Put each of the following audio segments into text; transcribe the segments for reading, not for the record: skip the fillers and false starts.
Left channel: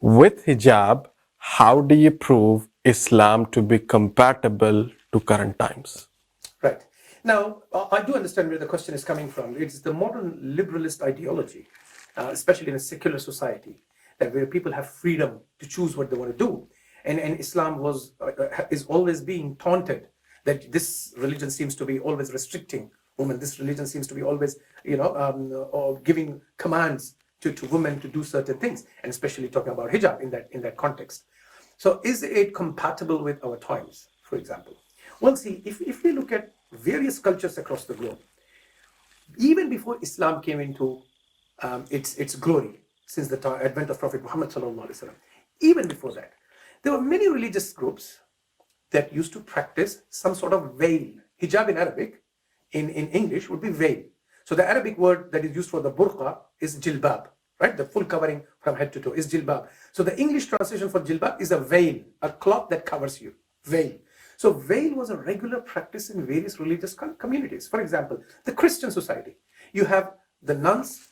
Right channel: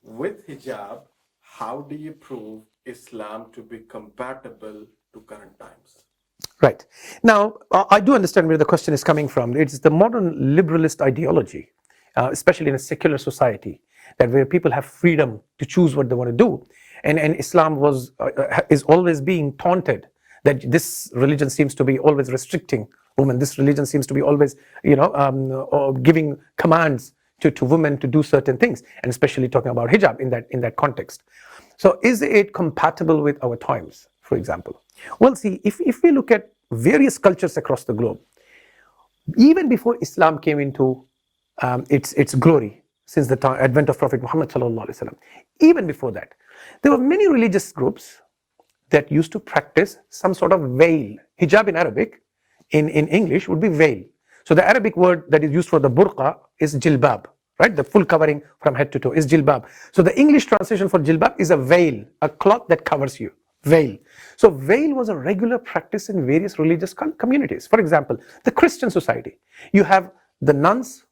With hijab, how do you prove Islam to be compatible to current times? Right. Now, I do understand where the question is coming from. It's the modern liberalist ideology, especially in a secular society, that where people have freedom to choose what they want to do. And Islam is always being taunted that this religion seems to be always restricting women. This religion seems to be always, giving commands to women to do certain things, and especially talking about hijab in that context. So is it compatible with our times, for example? Well, see, if we look at various cultures across the globe, even before Islam came into its glory, since the advent of Prophet Muhammad sallallahu alaihi wasallam, even before that, there were many religious groups that used to practice some sort of veil. Hijab in Arabic, in English, would be veil. So the Arabic word that is used for the burqa is jilbab, right? The full covering from head to toe is jilbab. So the English translation for jilbab is a veil, a cloth that covers you, veil. So veil was a regular practice in various religious communities. For example, the Christian society, you have the nuns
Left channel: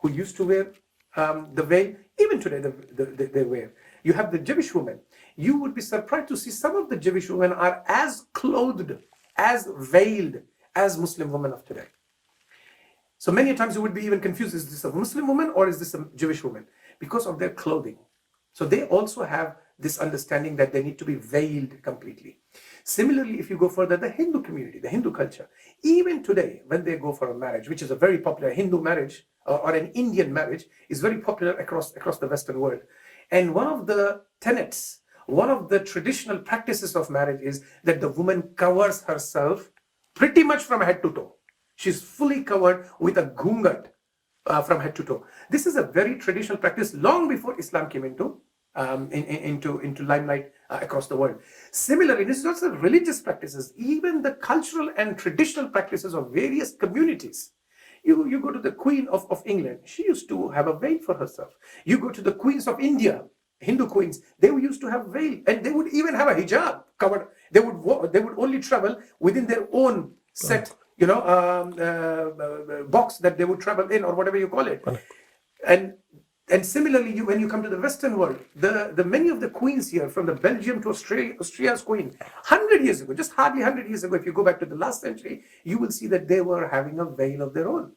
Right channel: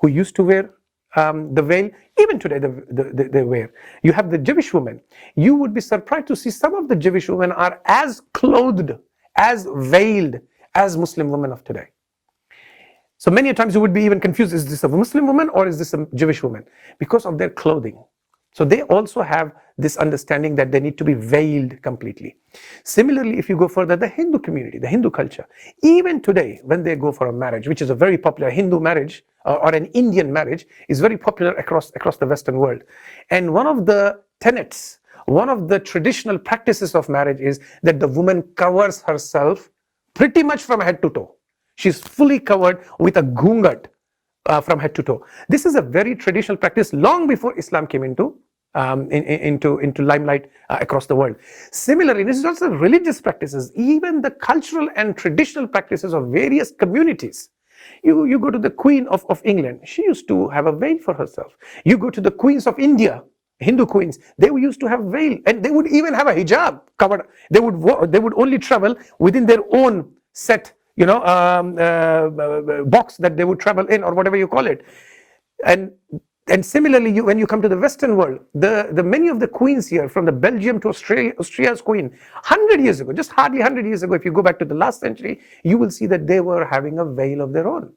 who used to wear the veil. Even today they wear. You have the Jewish women. You would be surprised to see some of the Jewish women are as clothed, as veiled as Muslim women of today. So many times you would be even confused, is this a Muslim woman or is this a Jewish woman? Because of their clothing. So they also have this understanding that they need to be veiled completely. Similarly, if you go further, the Hindu community, the Hindu culture, even today, when they go for a marriage, which is a very popular Hindu marriage or an Indian marriage, is very popular across the Western world. And one of the tenets, one of the traditional practices of marriage is that the woman covers herself pretty much from head to toe. She's fully covered with a gungat from head to toe. This is a very traditional practice long before Islam came into limelight across the world. Similarly, this is also religious practices, even the cultural and traditional practices of various communities. You go to the Queen of England, she used to have a veil for herself. You go to the queens of India, Hindu queens, they used to have veil, and they would even have a hijab covered. They would only travel within their own set, box that they would travel in, or whatever you call it. And similarly, when you come to the Western world, the many of the queens here, from the Belgium to Austria's queen, 100 years ago, just hardly 100 years ago, if you go back to the last century, you will see that they were having a veil of their own.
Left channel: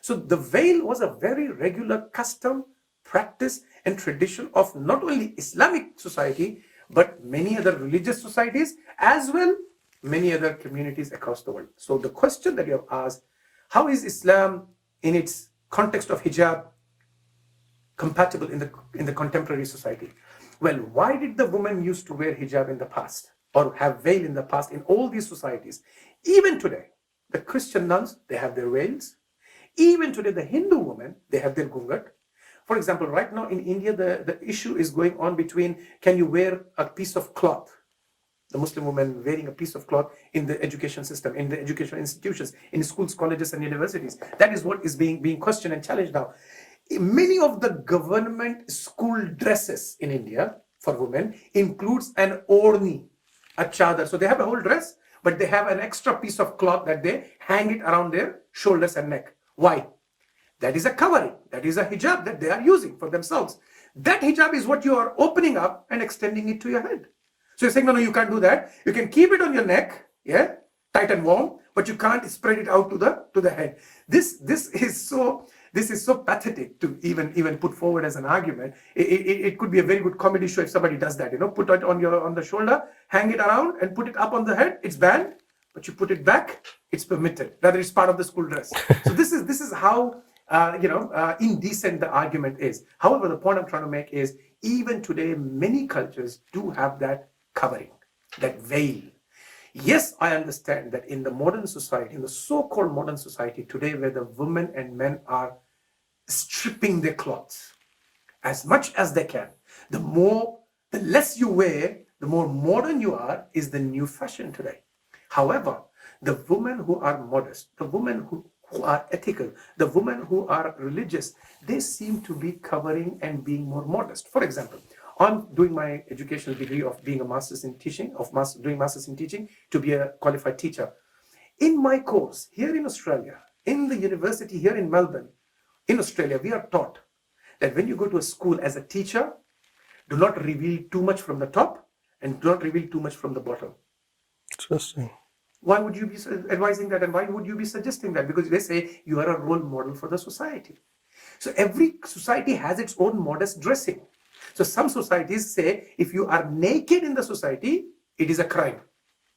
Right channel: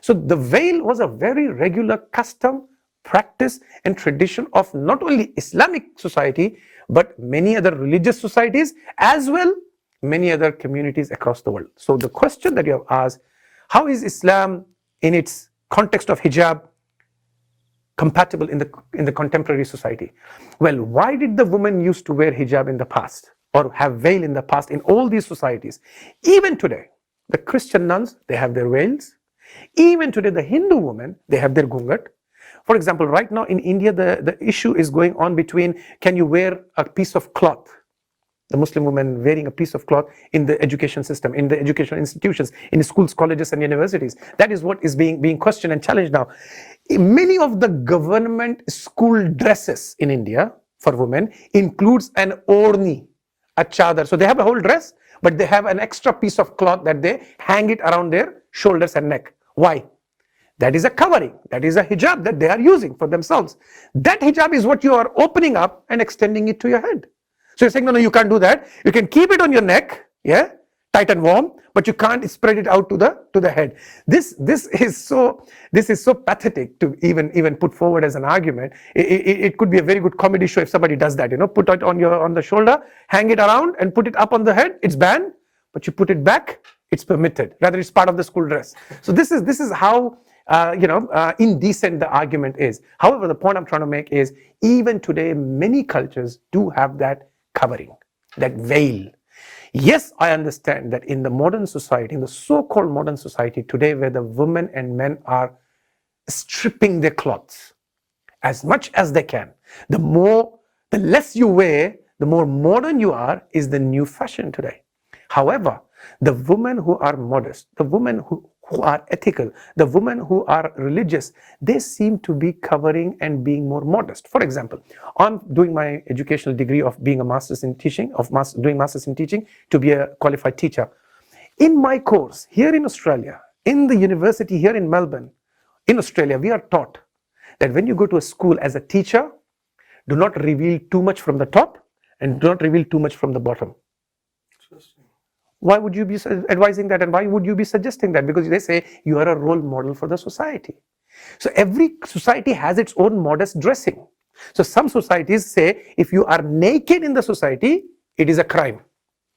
So the veil was a very regular custom, practice, and tradition of not only Islamic society, but many other religious societies, as well many other communities across the world. So the question that you have asked, how is Islam in its context of hijab compatible in the contemporary society? Well, why did the woman used to wear hijab in the past, or have veil in the past, in all these societies? Even today, the Christian nuns, they have their veils. Even today, the Hindu women, they have their gungat. For example, right now in India, the issue is going on between, can you wear a piece of cloth? The Muslim woman wearing a piece of cloth in the education system, in the educational institutions, in schools, colleges, and universities. That is what is being questioned and challenged now. Many of the government school dresses in India for women includes an orni, a chadar. So they have a whole dress, but they have an extra piece of cloth that they hang it around their shoulders and neck. Why? That is a covering. That is a hijab that they are using for themselves. That hijab is what you are opening up and extending it to your head. So you're saying, no, you can't do that. You can keep it on your neck, yeah, tight and warm, but you can't spread it out to the head. This is so pathetic to even put forward as an argument. It could be a very good comedy show if somebody does that. Put it on the shoulder, hang it around, and put it up on the head. It's banned, but you put it back, it's permitted. Rather, it's part of the school dress. So this is how indecent the argument is. However, the point I'm trying to make is, even today, many cultures do have that covering, that veil. Yes, I understand that in the modern society, in the so-called modern society today, where the women and men are stripping their clothes as much as they can, the less you wear, the more modern you are, is the new fashion today. However, the women who are modest, the women who are ethical, the women who are religious, they seem to be covering and being more modest. For example, I'm doing my educational degree of being a master's in teaching, doing master's in teaching to be a qualified teacher. In my course here in Australia, in the university here in Melbourne, in Australia, we are taught that when you go to a school as a teacher, do not reveal too much from the top and do not reveal too much from the bottom. Interesting. Why would you be advising that, and why would you be suggesting that? Because they say you are a role model for the society. So every society has its own modest dressing. So some societies say if you are naked in the society, it is a crime.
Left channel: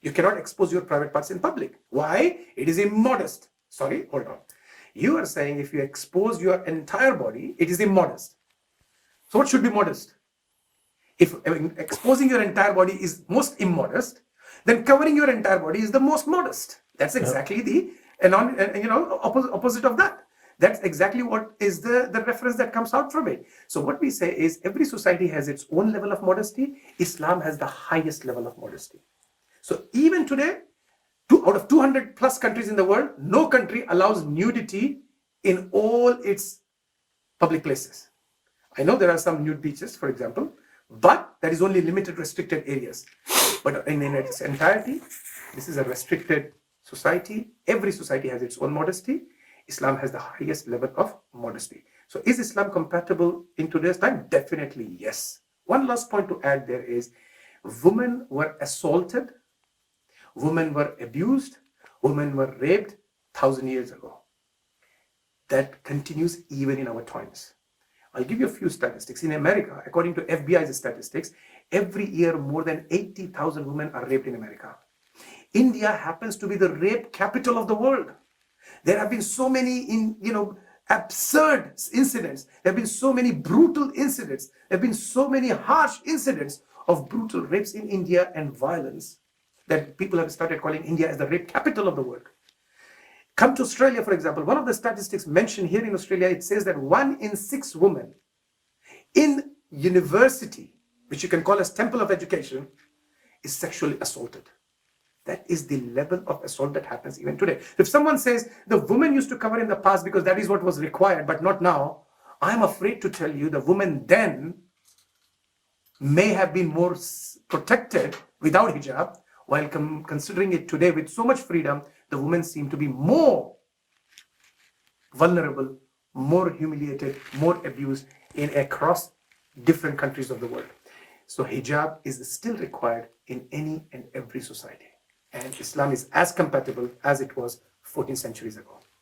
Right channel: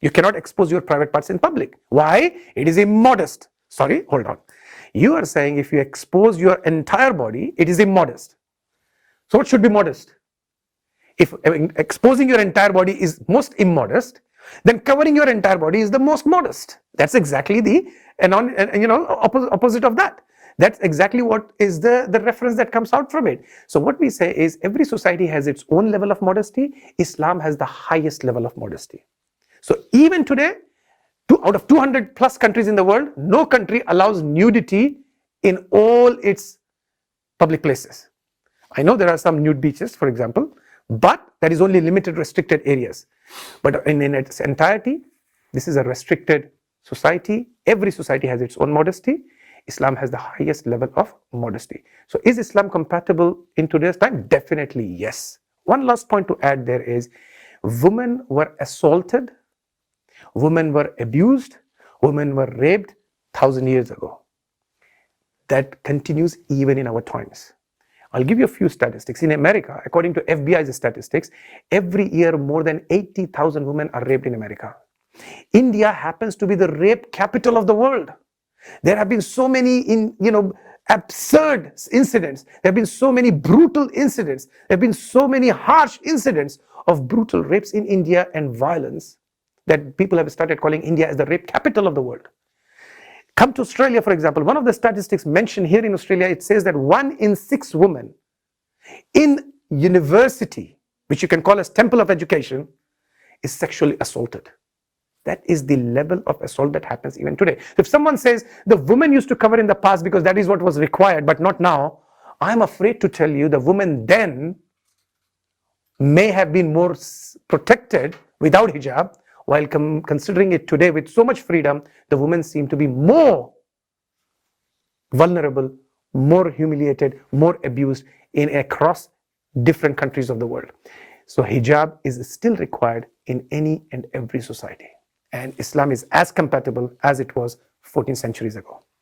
You cannot expose your private parts in public. Why? It is immodest. Sorry, hold on. You are saying if you expose your entire body, it is immodest. So what should be modest? If exposing your entire body is most immodest, then covering your entire body is the most modest. That's exactly the opposite of that. That's exactly what is the reference that comes out from it. So what we say is every society has its own level of modesty. Islam has the highest level of modesty. So even today, out of 200 plus countries in the world, no country allows nudity in all its public places. I know there are some nude beaches, for example, but that is only limited restricted areas. But in its entirety, this is a restricted society. Every society has its own modesty. Islam has the highest level of modesty. So is Islam compatible in today's time? Definitely yes. One last point to add there is women were assaulted, women were abused, women were raped 1,000 years ago. That continues even in our times. I'll give you a few statistics. In America, according to FBI's statistics, every year more than 80,000 women are raped in America. India happens to be the rape capital of the world. There have been so many absurd incidents. There have been so many brutal incidents. There have been so many harsh incidents of brutal rapes in India and violence that people have started calling India as the rape capital of the world. Come to Australia, for example. One of the statistics mentioned here in Australia, it says that 1 in 6 women in university, which you can call as temple of education, is sexually assaulted. That is the level of assault that happens even today. If someone says the woman used to cover in the past because that is what was required, but not now, I'm afraid to tell you the woman then may have been more protected without hijab, while considering it today with so much freedom, the women seem to be more vulnerable, more humiliated, more abused across different countries of the world. So hijab is still required in any and every society. And Islam is as compatible as it was 14 centuries ago.